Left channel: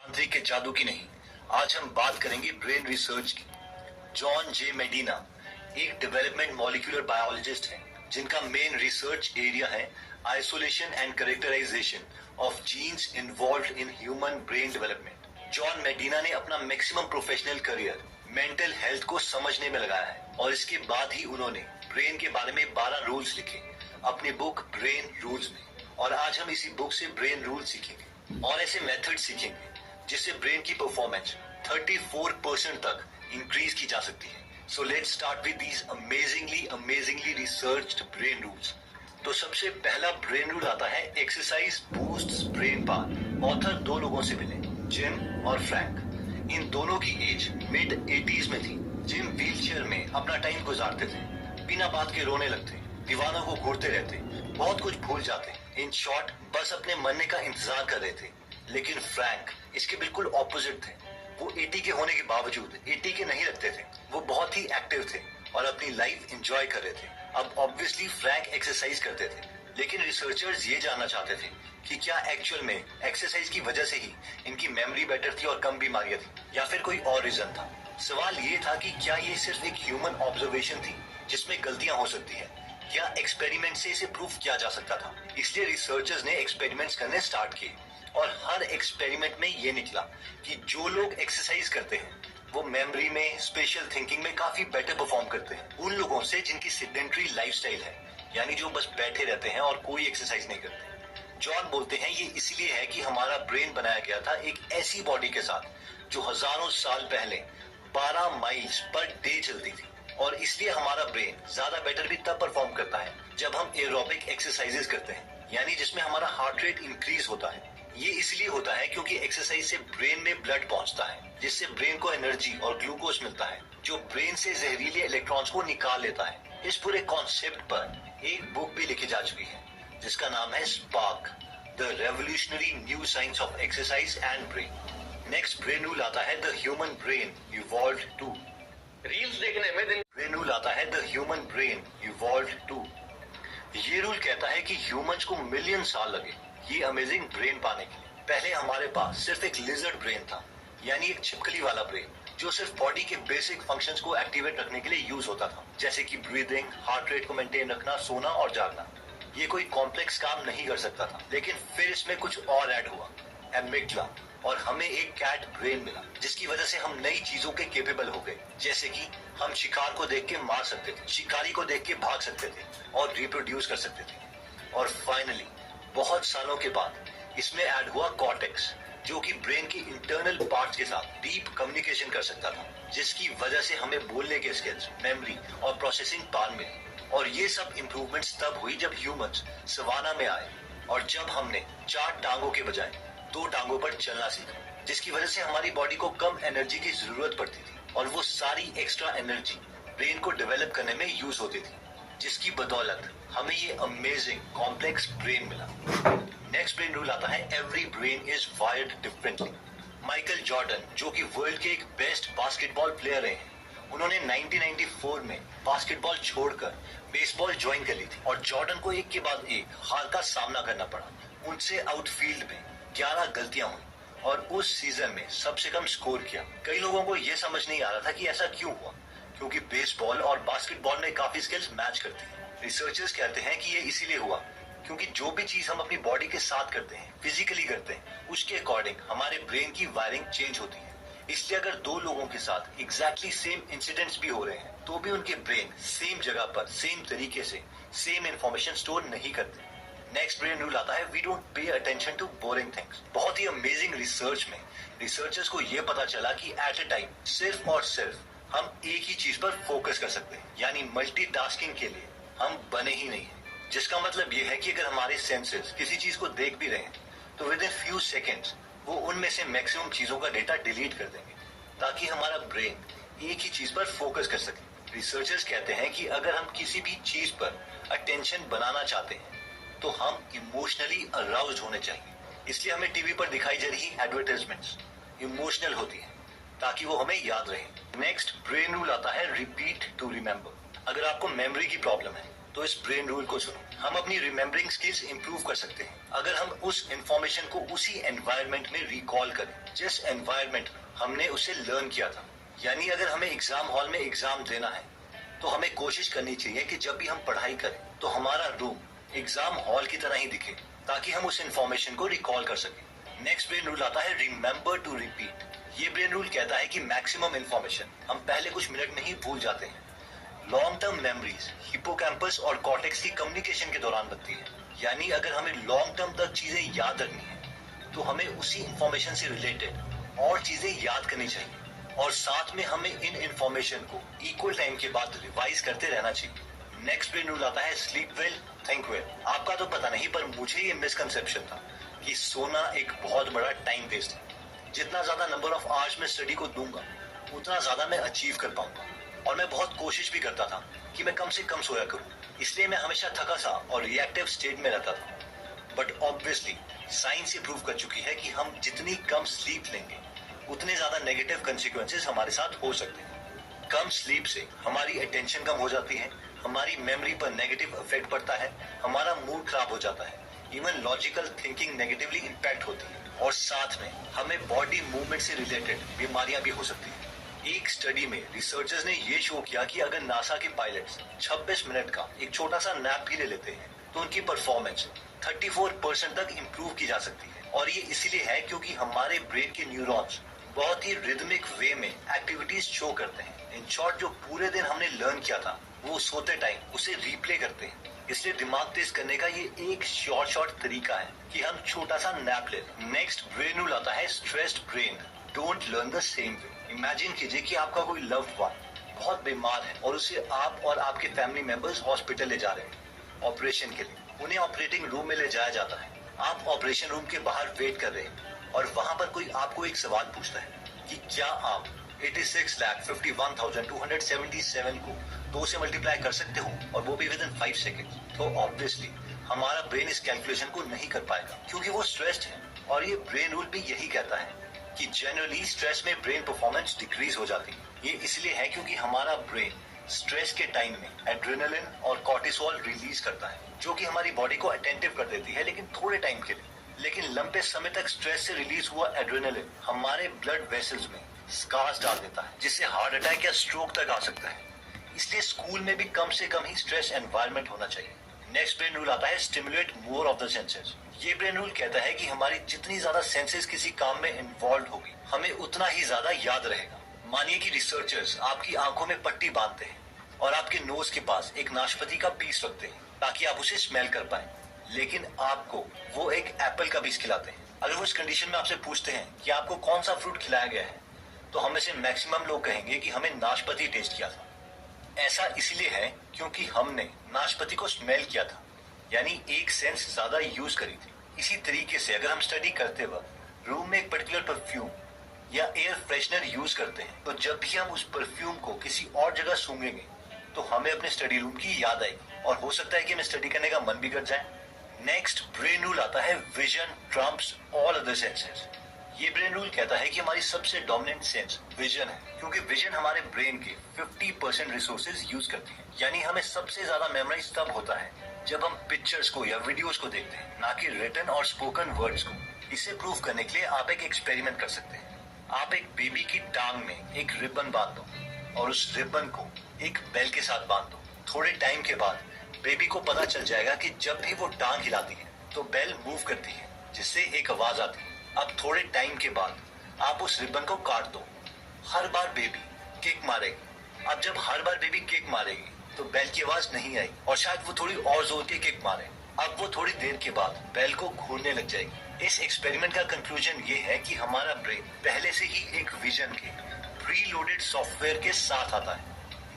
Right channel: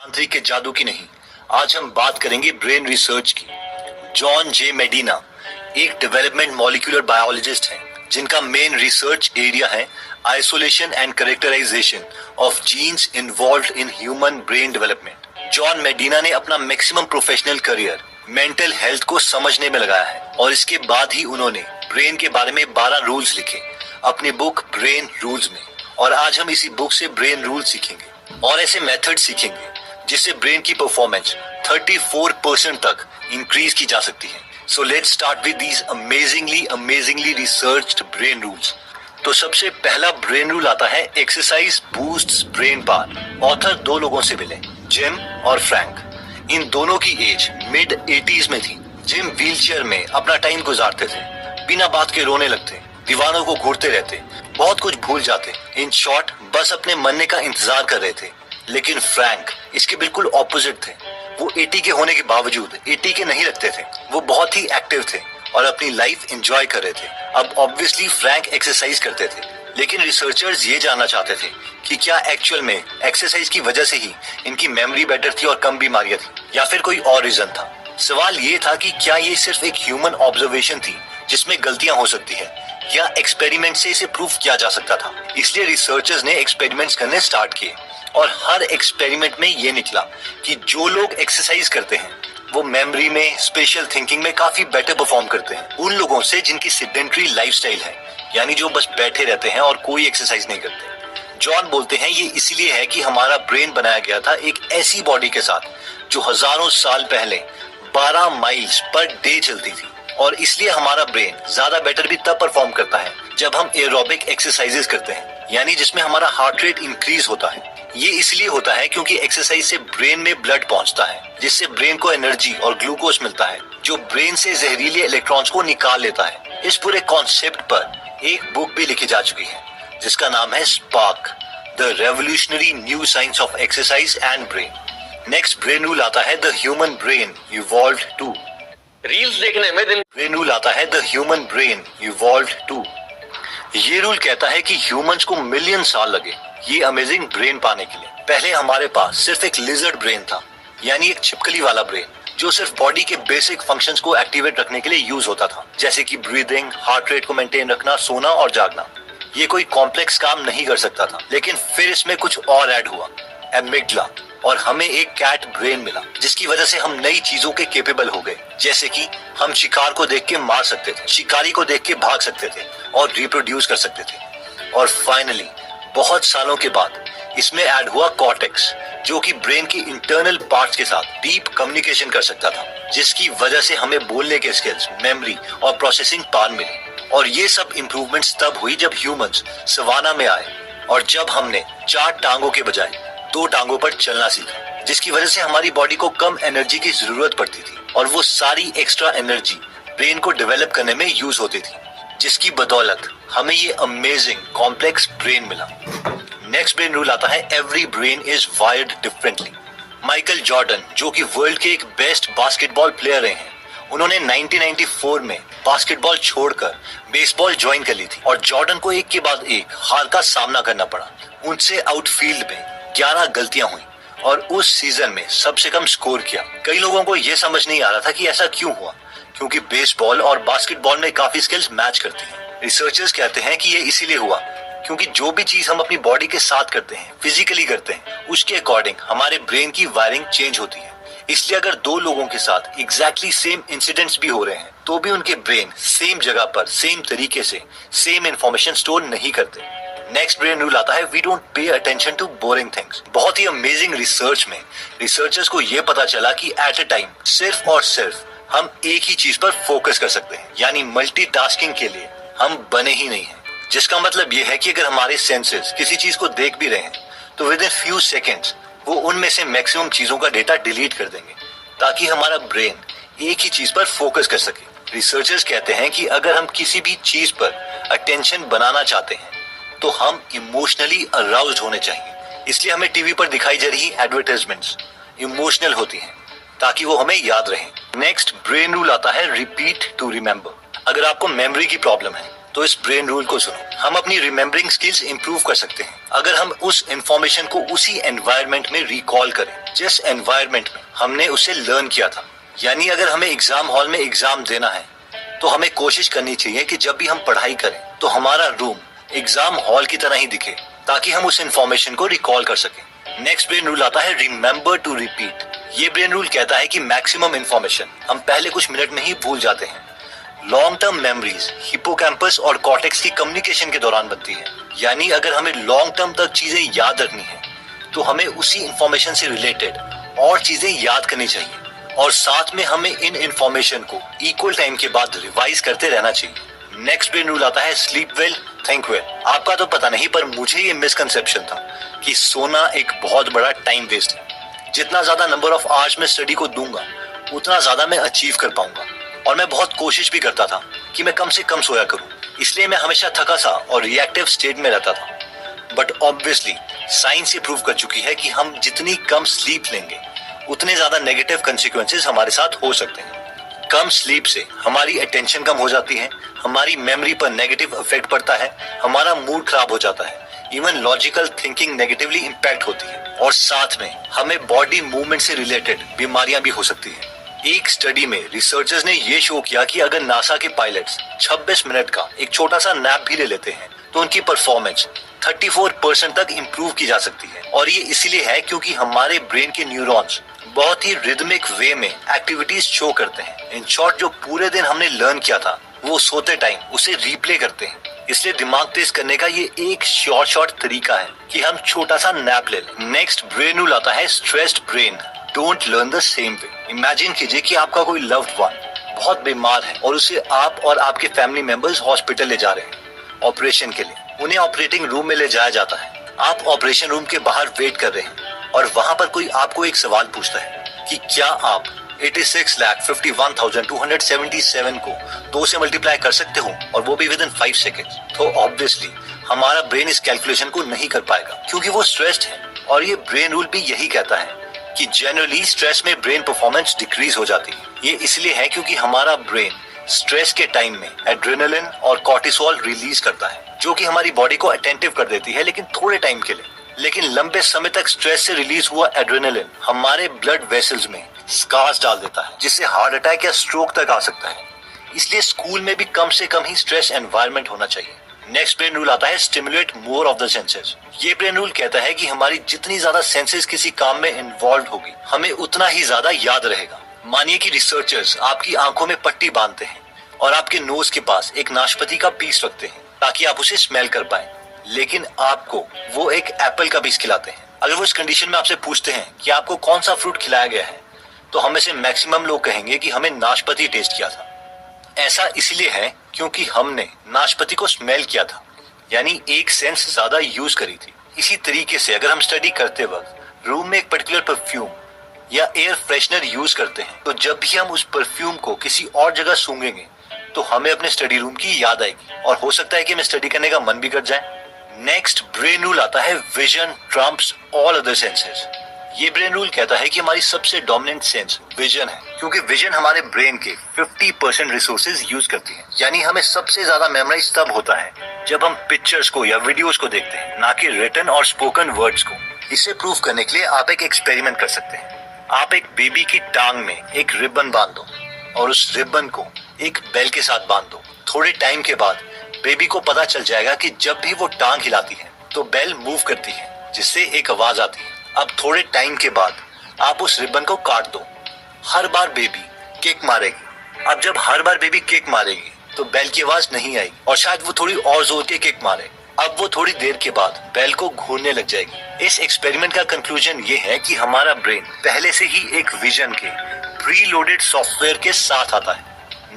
तांत्रिक के जादू की नहीं, आज हम बात करेंगे ब्रेन रिसर्च की। जॉन जे मेडिना एक डेवलपमेंट मॉलिक्यूलर बायोलॉजिस्ट हैं जिनका मेन रिसर्च एरिया है isolation and characterisation of genes involved in human brain development. John Medina ने अपना maximum professional career mental health को समझने में लगाया है और इसके बाद ही उन्होंने ब्रेन के बारे में 12 रूल्स लिखे अपनी बुक ब्रेन रूल्स में। और आज हम इसी बुक से ब्रेन रूल सीखेंगे और ऐसे मेथड सीखेंगे जिससे ब्रेन की परफॉर्मेंस 34% तक इंक्रीज की जा सकती है। So let's start with these amazingly researched brain rules. तो सबसे पहला ब्रेन रूल आता है exercise boosts brain power. Author 2 लोगों से मिले, जिम और फ्रैंक। इन दोनों की एज मिड 80s में थी। जिम व्हीलचेयर में अपना टाइम गुजारते थे, बिना बात के रोने लगते, दीवानों को घूरते रहते, बहुत कुछ भूल जाते। इन शॉर्ट बस अपने मरने का इंतजार कर रहे थे। लेकिन फ्रैंक इसके बिल्कुल ऑपोजिट थे। वो 80 के होने के बावजूद 80 के नहीं लगते थे। वो बहुत ही एक्टिव थे और अपनी लाइफ एंजॉय कर रहे थे। अब ऑब्वियसली फ्रैंक एक्सरसाइज करते थे, लेकिन रिसर्चर्स ये जानना चाहते थे कि क्या एक्चुअल में एक्सरसाइज की वजह से ही इनकी मेमोरी बेटर थी और कम बीमारियां थी, या फिर कोई और रीजन था। सवाल ये था कि क्या ये सिर्फ एक ह्यूमन ऑब्जर्वेशन थी जिसमें गलतियां हो सकती है, या एक्सपेरिमेंट से इसे प्रूफ किया जा सकता था। इसलिए रिसर्चर्स ने एक्सपेरिमेंट्स करने स्टार्ट किए और हर एक्सपेरिमेंट में ये निकला कि जो लोग एक्सरसाइज करते हैं वो मेमोरी में, स्पेशल थिंकिंग में काफी बेटर परफॉर्म करते हैं उन लोगों से जिनकी सेडेंटरी लाइफस्टाइल है, यानी जो बस बैठे रहते हैं और कोई एक्सरसाइज नहीं करते। जॉन बोलते हैं ये इसलिए है कि हमारा ब्रेन बनाया गया था एक ऐसी बॉडी के साथ जो हजारों साल पहले 12 माइल्स पर डे चलती थी, और इसलिए हमारा ब्रेन ज्यादा बेटर भी तब परफॉर्म करता है जब हम एरोबिक एक्सरसाइजेस करते हैं, यानी जिसमें हमारा हार्ट रेट इंक्रीज होता है। ये इसलिए होता है क्योंकि एक्सरसाइज से ब्रेन में ब्लड पहुंचता है, जिससे ब्रेन को एनर्जी और ग्लूकोज मिलता है जो ब्रेन से जहरीले इलेक्ट्रॉन्स को निकाल लेता है। इस पूरे कॉन्सेप्ट पर एक बुक भी लिखी जा चुकी है जिसका नाम है Spark, the revolutionary new science of exercise and brain. Next brain rule आता है the human brain evolved too. Reels देखने में दिन ब्रेन रूल आता है the human brain evolved too. ये रूल कहता है कि ह्यूमंस को मिलियन साल लगे ये अमेजिंग ब्रेन पाने के लिए। पहले हमारे पास सिर्फ एक लिजर्ड ब्रेन था, यानी एक छिपकली वाला ब्रेन जो सिर्फ बॉडी के बेसिक फंक्शंस को एक्टिवेट रखने के लिए यूज होता था, जैसे कि ब्रीदिंग, हार्ट रेट को मेंटेन रखना, सोना और जागना। ये कोई कॉम्प्लेक्स काम नहीं कर सकता था। लेकिन फिर इसमें कुछ और ऐड हुआ, एमिग्डला, और हमें एक कैट ब्रेन मिला जिसकी वजह से हम नई चीजों के केपेबल हो गए। जैसे कि हम शिकार को देख के मार सकते थे, शिकारी को देख के भाग सकते थे और रिप्रोड्यूस कर सकते थे। और फाइनली बहुत सालों के बाद इसमें ऐड हुआ कॉर्टेक्स, जो कि ब्रेन की इंटरनल पार्ट्स के साथ डीप कम्युनिकेशन कर सकता था, जिसकी वजह से हमें बोलने के स्किल्स, मेमोरी और प्रोसेसिंग पावर मिली। और ये सब इम्प्रूवमेंट्स तब हुई जब ह्यूमंस सवाना में आए और जब हमने 4 टांगों के बजाय 2 टांगों पर चलना सीखा, जिसकी वजह से हमारी बॉडी को कम एनर्जी की जरूरत पड़ती थी और वो सारी एक्स्ट्रा एनर्जी ब्रेन को डेवलप करने में यूज होती थी, जिसकी बदौलत हमें ये अमेजिंग कॉम्प्लेक्स ब्रेन मिला। नेक्स्ट ब्रेन रूल आता है every brain is wired differently. Michael Jordan, जो कि वर्ल्ड के एक बेस्ट बास्केटबॉल प्लेयर रहे हैं, उन्होंने 1994 में बास्केटबॉल छोड़कर बेसबॉल ज्वाइन कर ली थी और जॉर्डन को एक के बाद एक हार का सामना करना पड़ा। उनसे आउटफील्ड में 11 गलतियां हुई और उस सीजन में सबसे कम स्कोर किया। कई लोगों को यह समझ नहीं आ रहा था कि ऐसा क्यों हुआ, क्योंकि बेसबॉल और बास्केटबॉल में काफी स्किल्स मैच करती हैं। रिसर्चर्स कहते हैं कि ये इसीलिए हुआ क्योंकि जो भी चीज हम अपनी बॉडी के साथ करते हैं, फिजिकली करते हैं, उसके अकॉर्डिंग हमारे ब्रेन की वायरिंग चेंज होती है। इसलिए अगर 2 लोगों के साथ एग्जैक्टली सेम इंसिडेंट्स भी हो रहे हैं तो भी उनके ब्रेन सेम जगह पर सेम तरीके से सेम इंफॉर्मेशन स्टोर नहीं करते। नेक्स्ट ब्रेन रूल आता है we don't pay attention to boring things. बहुत ही अमेजिंग रिसर्च में रिसर्चर्स को ये पता चला कि एट अ टाइम सिर्फ और सिर्फ हम एक ही चीज पर फोकस कर सकते हैं, यानी मल्टीटास्किंग के लिए हम बने ही नहीं हैं। जिसका मतलब ये है कि अगर हमारे सेंसेस किसी चीज को देख भी रहे हैं तो विद इन फ्यू सेकेंड्स वो उनमें से मैक्सिमम चीजों का डेटा डिलीट कर देंगे ताकि हमारा ब्रेन एक ही चीज पर फोकस कर सके। रिसर्चर्स कहते हैं कि अगर हम किसी भी चीज पर अटेंशन बनाना चाहते हैं तो हम इमोशनली अराउज्ड होने चाहिए। इसलिए हमें टीवी पर दिखाई जा रही एडवर्टाइजमेंट्स इमोशनल होती हैं ताकि वो हमें याद रहे। नेक्स्ट ब्रेन रूल आता है रिपीट टू रिमेम्बर। अगर आपको मेमोरी की प्रॉब्लम है तो इस ब्रेन रूल को सुनो। हम अपनी रिमेम्बरिंग स्किल्स इंप्रूव कर सकते हैं अगर हम उस इंफॉर्मेशन को उसी एनवायरनमेंट में रिकॉल करें जिस एनवायरनमेंट में हमने उसे लर्न किया था। यानी अगर हमें एग्जाम हॉल में एग्जाम देना है तो हमें कोशिश करनी चाहिए कि जब भी हम पढ़ाई करें तो हमारा रूम एग्जाम हॉल की तरह ही दिखे ताकि हम उस इंफॉर्मेशन को रिकॉल कर सकें। नेक्स्ट ब्रेन रूल आता है रिमेम्बर टू रिपीट। ये ब्रेन रूल कहता है कि मैक्सिमम इंफॉर्मेशन हम पहले कुछ मिनट में ही भूल जाते हैं। लॉन्ग टर्म मेमोरीज हिपोकैम्पस और कॉर्टेक्स की कम्युनिकेशन के दौरान बनती है। यानी अगर हमें लॉन्ग टर्म तक चीजें याद रखनी है तो हमें उसी इंफॉर्मेशन से रिलेटेड और चीजें याद करनी चाहिए और साथ में हमें इन इंफॉर्मेशन को इक्वल टाइम के बाद रिवाइज करते रहना चाहिए। नेक्स्ट ब्रेन रूल आता है स्लीप वेल थिंक वेल। आपका तो पता नहीं पर मुझे ये मिसकंसेप्शन था कि सोना एक बहुत बड़ा टाइम वेस्ट है। जितना ज्यादा नंबर ऑफ आवर्स में स्टडी को दूंगा उतना ज्यादा मैं अचीव कर पाऊंगा और मैं बहुत कोशिश भी करता था कि मैं कम से कम सोया करूं। इसलिए मैं हमेशा थका सा और रिएक्टिव स्टेट में रहता था। बट ऑब्वियसली साइंस ये प्रूव कर चुकी है कि हम जितनी कम स्लीप लेंगे उतने ज्यादा नेगेटिव कंसिक्वेंसेस हमारे साथ हो सकते हैं। कम स्लीप से हमारी अटेंशन कम हो जाती है, हमारी मेमोरी पर नेगेटिव इफेक्ट पड़ता है, हमारा मूड खराब हो जाता है, even logical thinking negatively impact होती है और साथ में हमें बॉडी मूवमेंट से रिलेटेड बीमारियां भी हो सकती है। एक स्टडी में रिसर्चर्स ने ये शो किया कि अगर नासा के पायलट्स 26 मिनट का एक छोटा सा नैप भी ले लेते हैं तो उनकी परफॉर्मेंस 34% तक इम्प्रूव की जा सकती है। और ये इसीलिए है क्योंकि हमारे ब्रेन के न्यूरॉन्स बहुत ही रिदमिक वे में एक्टिविटीज शो करते हैं। इन शॉर्ट जो पूरे दिन हमने लर्न किया था वो सोते टाइम उसे रिप्ले करते हैं। इसलिए दिमाग तेज करने का ये एक शॉर्ट तरीका है कि हम छोटा सा नैप ले लें। नेक्स्ट ब्रेन रूल आता है stressed brain don't learn the same way. Imagine कीजिए कि आपका कोई लव्ड वन बहुत बीमार है और उसे आप और आपके फैमिली मेंबर्स हॉस्पिटल ले जा रहे हैं ऑपरेशन के लिए। उन्हें ऑपरेटिंग रूम में ले जाया जाता है। आप ऑपरेशन रूम के बाहर वेट कर रहे हैं और वहां पर कोई आपको एक सवाल पूछता है कि क्या आप 86,51,277 को 2 से मल्टीप्लाई कर सकते हो और वो भी विद इन 5 सेकेंड। तो ऑब्वियसली हमारा ब्रेन इस कैलकुलेशन को नहीं कर पाएगा क्योंकि वो स्ट्रेस्ड है। और ये ब्रेन रूल भी यही कहता है कि जनरली स्ट्रेस में ब्रेन परफॉर्मेंस डिक्रीज हो जाती है। ये इसलिए है क्योंकि हमारा ब्रेन स्ट्रेस के टाइम में एड्रेनालिन और कॉर्टिसोल रिलीज करता है जो कि हमारी बॉडी को अटेंटिव कर देती है लेकिन थोड़े टाइम के लिए। लेकिन लंबे समय तक स्ट्रेस से रिलीज हुआ एड्रेनालिन हमारे ब्लड वेसल्स में स्कार्स डाल देता है जिससे हार्ट अटैक या स्ट्रोक तक आ सकता है। इसलिए स्कूल में भी कम से कम ही स्ट्रेस एनवायरनमेंट होना चाहिए। नेक्स्ट ब्रेन रूल आता है stimulate more of the senses. ये ब्रेन रूल कहता है कि हमारी जितनी ज्यादा सेंसेस किसी काम में इन्वॉल्व होगी हमें उतना ही ज्यादा याद रहेगा। मानिए कि रिसर्चर्स आपकी आंखों में पट्टी बांधते हैं और आपके नोज के पास एक नाशपाती का पीस रखते हैं ताकि आप उसे स्मेल कर पाए, लेकिन आपको वो एक एप्पल का पीस खिलाते हैं। अगर वो इस कंडीशन में आपसे पूछते हैं कि आपको कौन सा फ्रूट खिलाया गया है तो हम में से मैक्सिमम लोग कहेंगे कि हमें नाशपाती टेस्ट किया था। ऐसा इसलिए है क्योंकि हमने नाशपाती को स्मेल किया था, यानी एक सेंस ज्यादा यूज करी थी। इसी तरीके से अगर हम स्टडी करते वक्त रूम में एक पर्टिकुलर परफ्यूम या एयर फ्रेशनर यूज करते हैं तो जब भी हम उस परफ्यूम को किसी और जगह सूंघेंगे तो हमें अपने स्टडी रूम की याद आएगी और हो सकता है कि हमें स्टडी करने का मन भी कर जाए। नेक्स्ट ब्रेन रूल आता है vision Trump's all other senses. ये ब्रेन रूल कहता है कि हमारी सबसे डोमिनेंट सेंस विजन है क्योंकि विजन हमारे ब्रेन के 50% रिसोर्सेज यूज करती है। यानी हमें सबसे ज्यादा मेमोराइज तब होता है जब हम पिक्चर्स को या वीडियोस को देखते हैं, ना कि रिटन और स्पोकन वर्ड्स को। इसे प्रूव करने के लिए आप एक एक्सपेरिमेंट कर सकते हैं। आप एक बेबी की टांग में एक रिबन बांध दो और उस रिबन को एक बेल के साथ बांध दो। थोड़े टाइम के बाद बेबी को पता चल जाएगा कि जब भी वो टांग हिलाती है तो बेल मूव करती है जिससे एक आवाज आती है। अब थोड़े टाइम के बाद आप उस रिबन को काट दो। हर बार बेबी किक मारेगी। अब जब हर बार बेबी किक मारेगी तो बेल की आवाज नहीं आएगी और शायद वो थोड़ी और जोर के किक मारे। अब वो थोड़ी देर के बाद बेल को घूरने लग जाएगी। इस एक्सपेरिमेंट का कंक्लूजन ये है कि हमारा ब्रेन पहले से ही एक विजन के प्री लोडेड सॉफ्टवेयर के साथ आता है।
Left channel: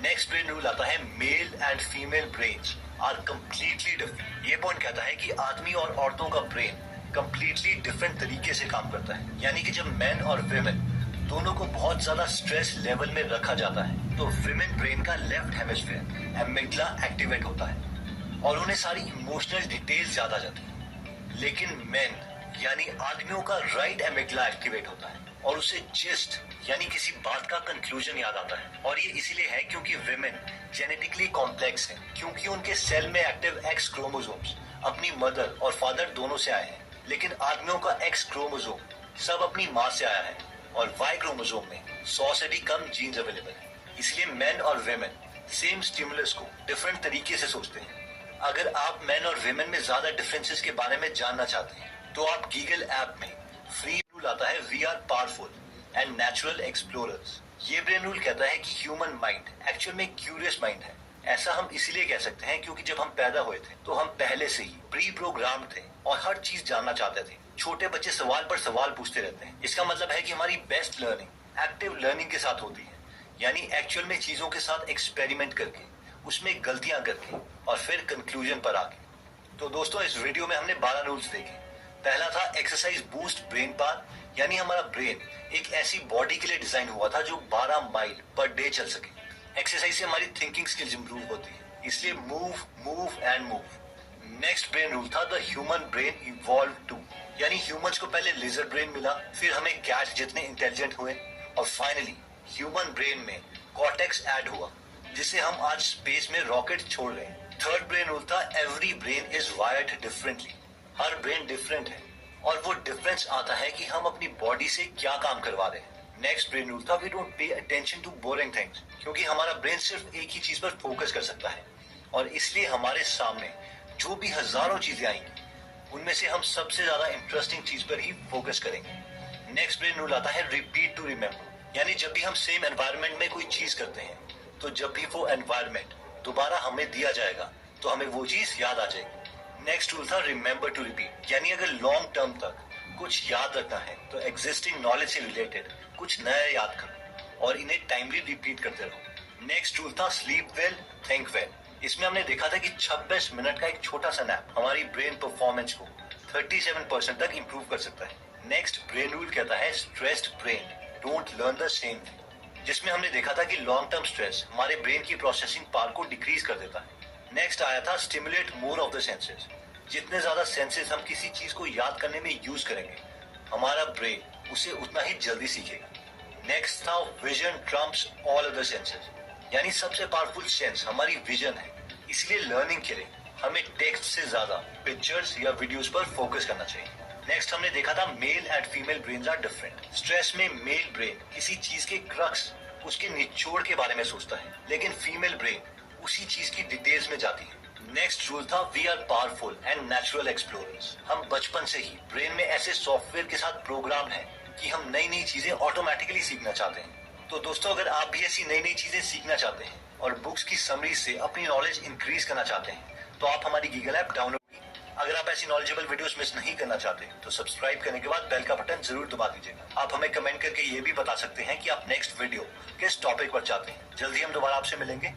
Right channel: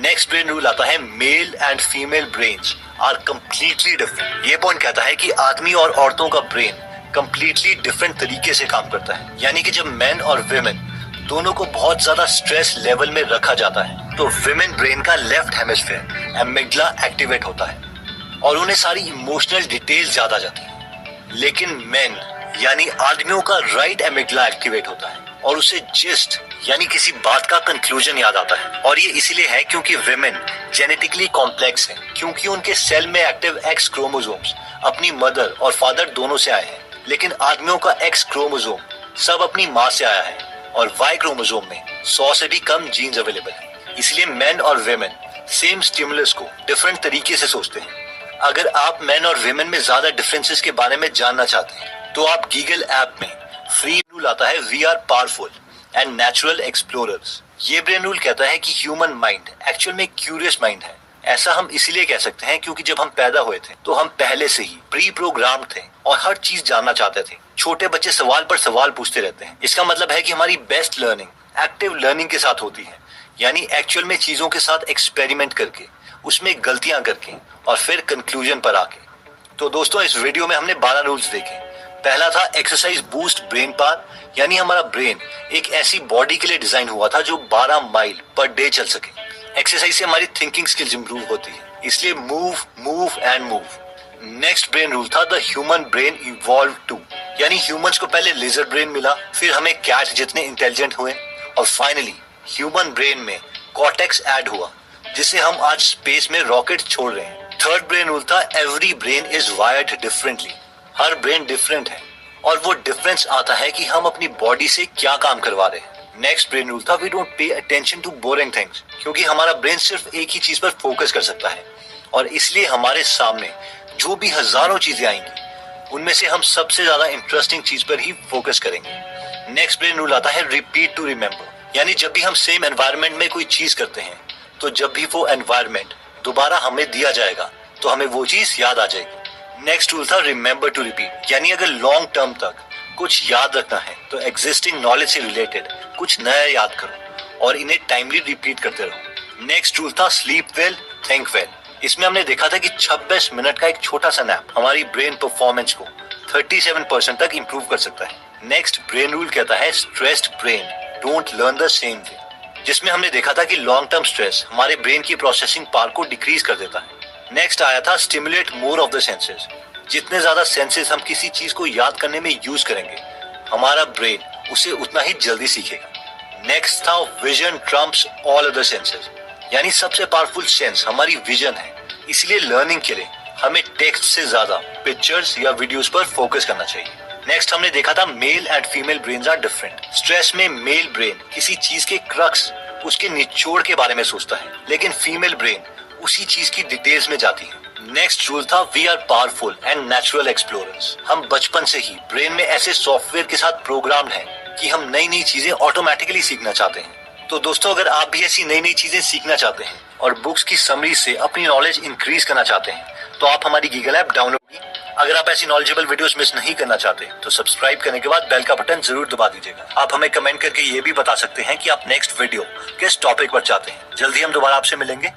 नेक्स्ट ब्रेन रूल आता है male and female brains are completely different. ये पॉइंट कहता है कि आदमी और औरतों का ब्रेन कंप्लीटली डिफरेंट तरीके से काम करता है। यानी कि जब मेन और विमेन दोनों को बहुत ज्यादा स्ट्रेस लेवल में रखा जाता है तो विमेन ब्रेन का लेफ्ट हेमिस्फीयर एमिग्डला एक्टिवेट होता है और उन्हें सारी इमोशनल डिटेल्स याद आ जाती है। लेकिन मेन यानी आदमियों का राइट एमिग्डला एक्टिवेट होता है और उसे जिस्ट यानी किसी बात का कंक्लूजन याद आता है। और ये इसीलिए है क्योंकि विमेन जेनेटिकली कॉम्प्लेक्स है, क्योंकि उनके सेल में एक्टिव एक्स क्रोमोसोम्स अपनी मदर और फादर दोनों से आए हैं, लेकिन आदमियों का एक्स क्रोमोसोम सब अपनी माँ से आया है और वाई क्रोमोसोम में 100 से भी कम जीन्स अवेलेबल है। इसलिए मेन और विमेन सेम स्टिमुलस को डिफरेंट तरीके से सोचते हैं। अगर आप मेन और विमेन में ज्यादा डिफरेंसेस के बारे में जानना चाहते हैं तो आप गूगल ऐप में फ्री रूल आता है, we are powerful and natural explorers. ये ब्रेन रूल कहता है कि ह्यूमन माइंड एक्चुअल में क्यूरियस माइंड है। ऐसा हम इसीलिए कह सकते हैं क्योंकि जब हम पैदा हुए थे तो हम पहले से ही प्री प्रोग्राम्ड थे और हर चीज जानना चाहते थे। छोटे बच्चे सवाल पर सवाल पूछते रहते हैं। इसका मतलब है कि हमारी बेस्ट लर्निंग एक्टिव लर्निंग के साथ होती है, यानी एक्चुअल में चीजों के साथ एक्सपेरिमेंट करके, उसमें गलतियां करके और फिर कंक्लूजन पर आके। तो दोस्तों, इस वीडियो में हमने 12 रूल्स देखे। पहला था एक्सरसाइज बूस्ट ब्रेन पावर, यानी हमारा ब्रेन एक ऐसी बॉडी के लिए डिजाइन हुआ था जो 12 माइल पर डे चल सके। एक्सरसाइज से हमारी थिंकिंग स्किल्स इंप्रूव होती है, इसलिए move move and move. Next brain rule था the human brain evolve too, यानी ह्यूमंस को पहले लिजर्ड ब्रेन मिला, फिर हमें कैट जितने इंटेलिजेंट हुए और फाइनली ह्यूमन ब्रेन में कॉर्टेक्स ऐड हुआ, जिससे हम आज स्पेस में रॉकेट छोड़ रहे हैं। थर्ड ब्रेन रूल था every brain is wired differently, her brain different है और वो डिफरेंस आता है कि हम अपनी बॉडी से क्या काम करवा रहे हैं। नेक्स्ट ब्रेन रूल था we don't pay attention to boring things, क्योंकि हमारा ब्रेन सिर्फ एक ही चीज पर फोकस कर सकता है और इसलिए हमारे सामने जो भी हजारों चीजें आएंगी उनमें से हम सबसे ज्यादा इंटरेस्टिंग चीज पर ही फोकस करेंगे। नेक्स्ट ब्रेन रूल आता है रिपीट टू रिमेम्बर, यानी जब भी हम सेम एनवायरनमेंट में कोई चीज करते हैं तो जब भी वो एनवायरनमेंट दोबारा हमें दिया जाएगा तो हमें वो चीज याद आ जाएगी। नेक्स्ट रूल था रिमेम्बर टू रिपीट, यानी अगर लॉन्ग टर्म तक कुछ याद रखना है तो एग्जिस्टिंग नॉलेज से रिलेटेड कुछ नया याद करो और इन्हें टाइमली रिपीट करते रहो। नेक्स्ट रूल था स्लीप वेल थिंक वेल। इसमें हमने देखा था कि 26 मिनट का एक छोटा सा नैप हमारी ब्रेन परफॉर्मेंस को 37% तक इंप्रूव कर सकता है। नेक्स्ट ब्रेन रूल कहता है stressed brain don't learn the same way, जिसमें हमने देखा था कि लॉन्ग टर्म स्ट्रेस हमारे ब्रेन की प्रोसेसिंग पावर को डिक्रीज कर देता है। नेक्स्ट आया था stimulate more of the senses, जितने ज्यादा सेंसेस हम किसी चीज को याद करने में यूज करेंगे हमारा ब्रेन उसे उतना ही जल्दी सीखेगा। नेक्स्ट था vision Trump's all other senses, यानी सबसे पावरफुल सेंस हमारी विजन है, इसलिए लर्निंग के लिए हमें टेक्स्ट से ज्यादा पिक्चर्स या वीडियोस पर फोकस करना चाहिए। नेक्स्ट हमने देखा था male and female brains are different. Stress में मेल ब्रेन किसी चीज के क्रक्स, उसके निचोड़ के बारे में सोचता है, लेकिन फीमेल ब्रेन उसी चीज की डिटेल्स में जाती है। नेक्स्ट रूल था we are powerful and natural explorers. हम बचपन से ही ब्रेन में ऐसे सॉफ्टवेयर के साथ प्रोग्राम्ड हैं कि हम नई नई चीजें ऑटोमेटिकली सीखना चाहते हैं। तो दोस्तों, अगर आप भी ऐसी नई नई चीजें सीखना चाहते हैं और बुक्स की समरी से अपनी नॉलेज इंक्रीज करना चाहते हैं तो आप हमारी गूगल ऐप डाउनलोड कीजिए। अगर आप ऐसी नॉलेजेबल वीडियोस मिस नहीं करना चाहते तो सब्सक्राइब करने के बाद बेल का बटन जरूर दबा दीजिएगा। आप हमें कमेंट करके ये भी बता सकते हैं कि आप नेक्स्ट वीडियो किस टॉपिक पर चाहते हैं। जल्दी हम दोबारा आपसे मिलेंगे।